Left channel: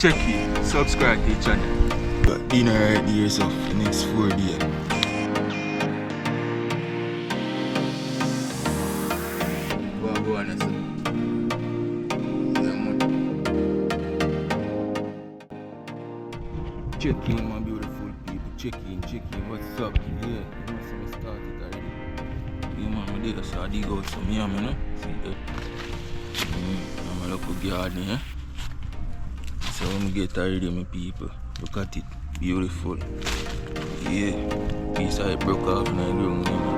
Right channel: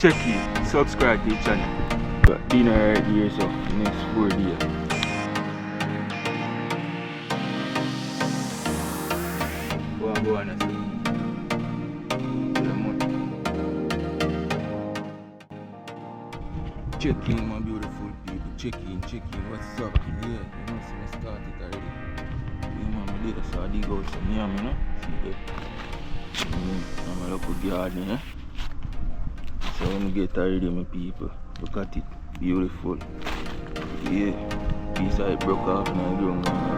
Check it, subscribe to the channel. Got dinner right here, so for the next 4 days. Go on, sir. Check in, my beautiful people. Check in. What's up? Yeah, you know, see me start it already. Yeah, man, I did so I dig out some yam, you know. See that? I'm a local garden, yeah. So when we get already, my people, look at it, beautiful. Yeah, piece of it broke off and I ground, you know.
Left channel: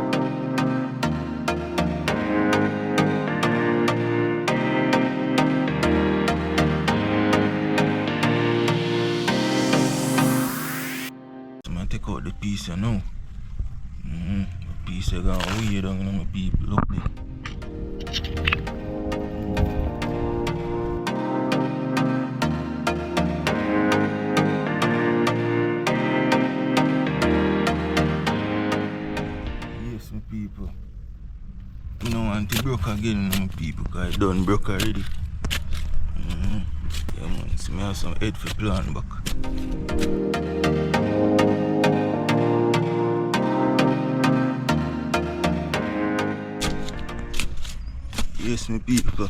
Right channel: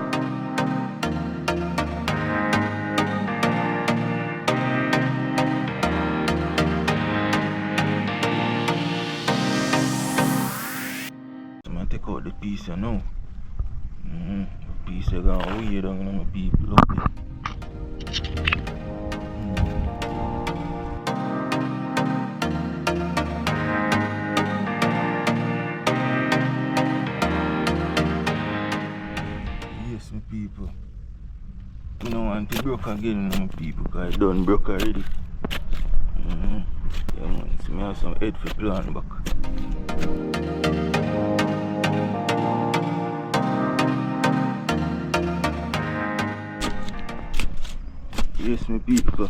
Take out the piece now. The piece is gone way down in my people. Look there. Yes, my people. You don't want to broke again, my people, because I done broke already. Yeah, man. So I have some head for plant back. Yes, my people,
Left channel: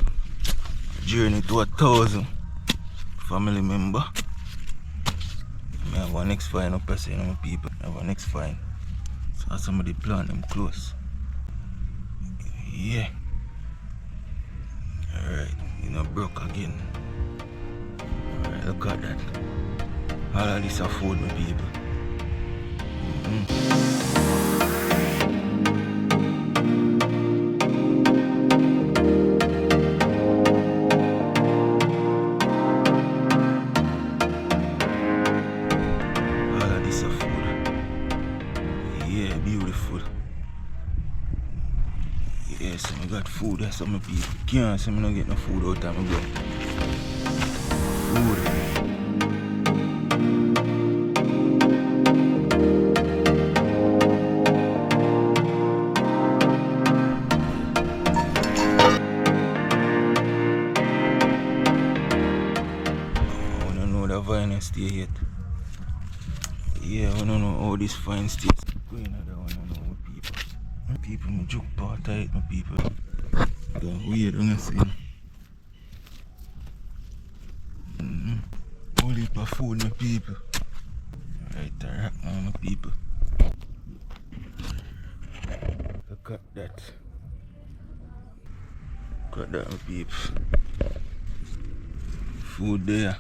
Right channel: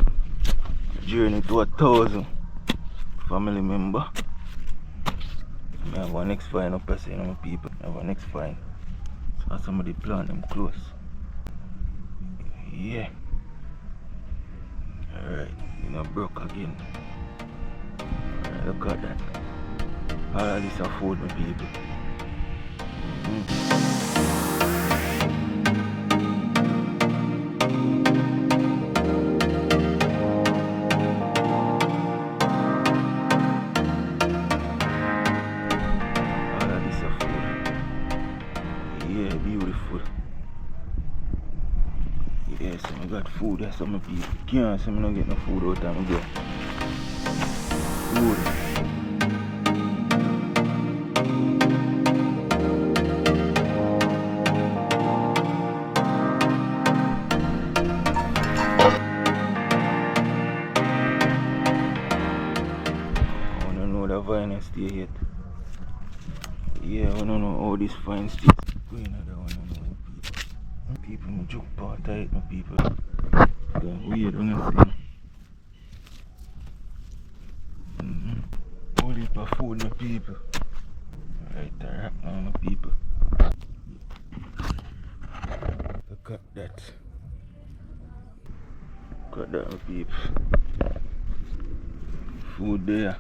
journey to 1,000 family member. I have one next fine up here, my people. I have one next fine. So somebody plant them close. Yeah. Alright, you know, broke again. Alright, look at that. All of this afford, my people. Yeah, beautiful. Yes, I got food. That's some people can't say I don't get no food out of my blood. Food. I wanna know the vine stay yet. Yeah, I wanna know how this vine stays. Going on that one, I know people. People, my juke part tight, my people. Weird, I'm not saying. Whole heap of food, my people. Right there, my people. Look at that. Look at that, my people. Food there.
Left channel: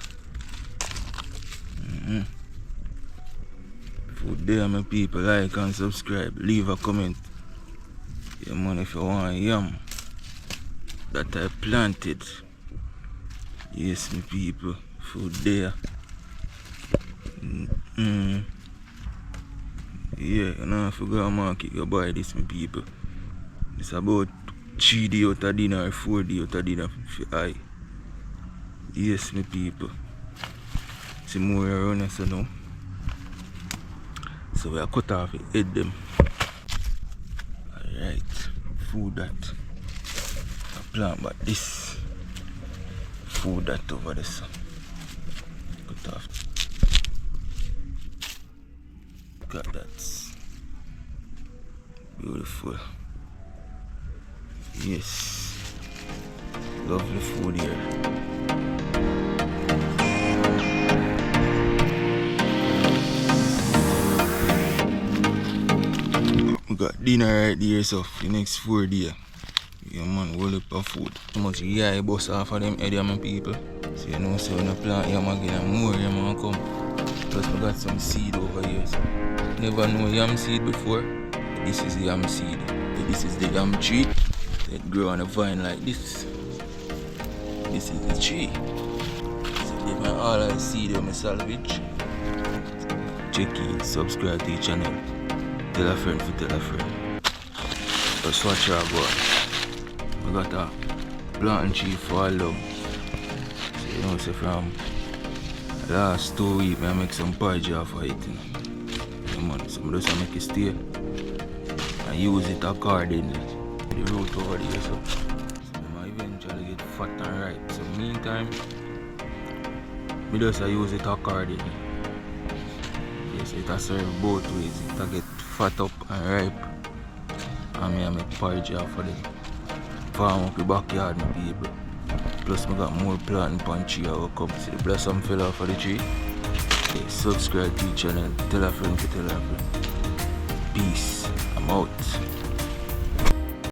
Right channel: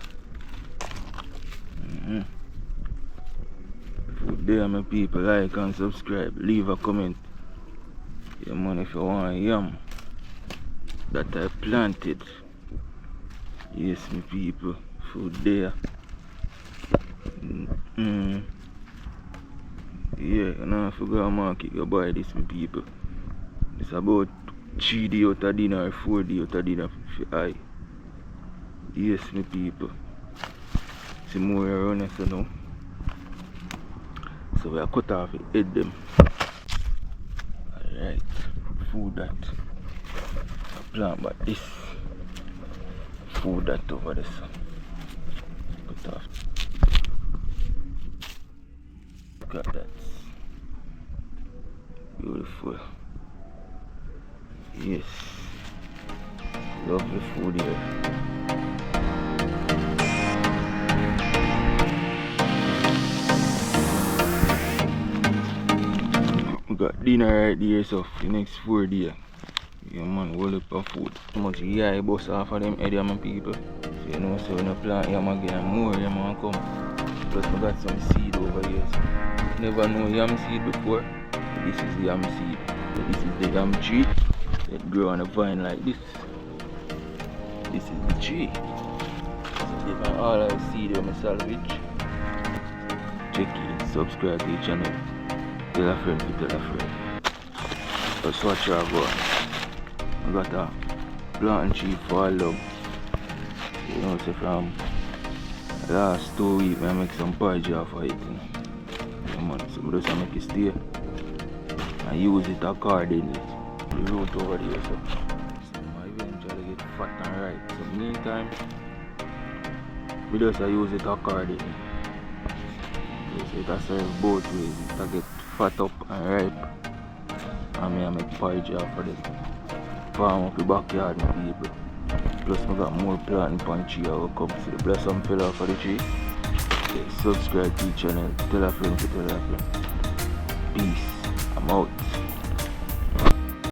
Food there, my people. Like and subscribe. Leave a comment. Yeah, man, if you want yam that I planted. Yes, my people. Food there. Yeah, you know, if you go to market, you buy this, my people. It's about 3 days out of dinner or 4 days out of dinner for I. Yes, my people. See more around us now. So we are cut off the head them. Alright, food that. Plant but this. Food that over there. So. Cut off. Look at that. Beautiful. Yes. Lovely food here. We got dinner right here, so for the next 4 days. Yeah, man, whole heap of food. Too much yeah, bust off of them head, my people. So you know, so when you plant yam again, and more yam come. Plus we got some seed over here. So. Never know yam seed before. This is the yam seed. This is the yam tree. It grow on a vine like this. This is the tree. So they can all I see them I salvage. Check it, subscribe to the channel. Tell a friend for tell a friend. Let's watch her go on. I got a plantain tree for all love. So you know, so from last 2 weeks I make some porridge off of it. Yeah, man, so I just make it stay. I use it accordingly. The root over there, so they might eventually get fat and ripe. So meantime, Me just use it accordingly. Yes, it can serve both ways. It can get fat up and ripe. And me I make porridge for them. Farm up the backyard, my people. Plus I got more planting on tree I will come. See the blossom fell off of the tree. Okay, subscribe to the channel. Tell a friend to tell a friend. Peace. I'm out.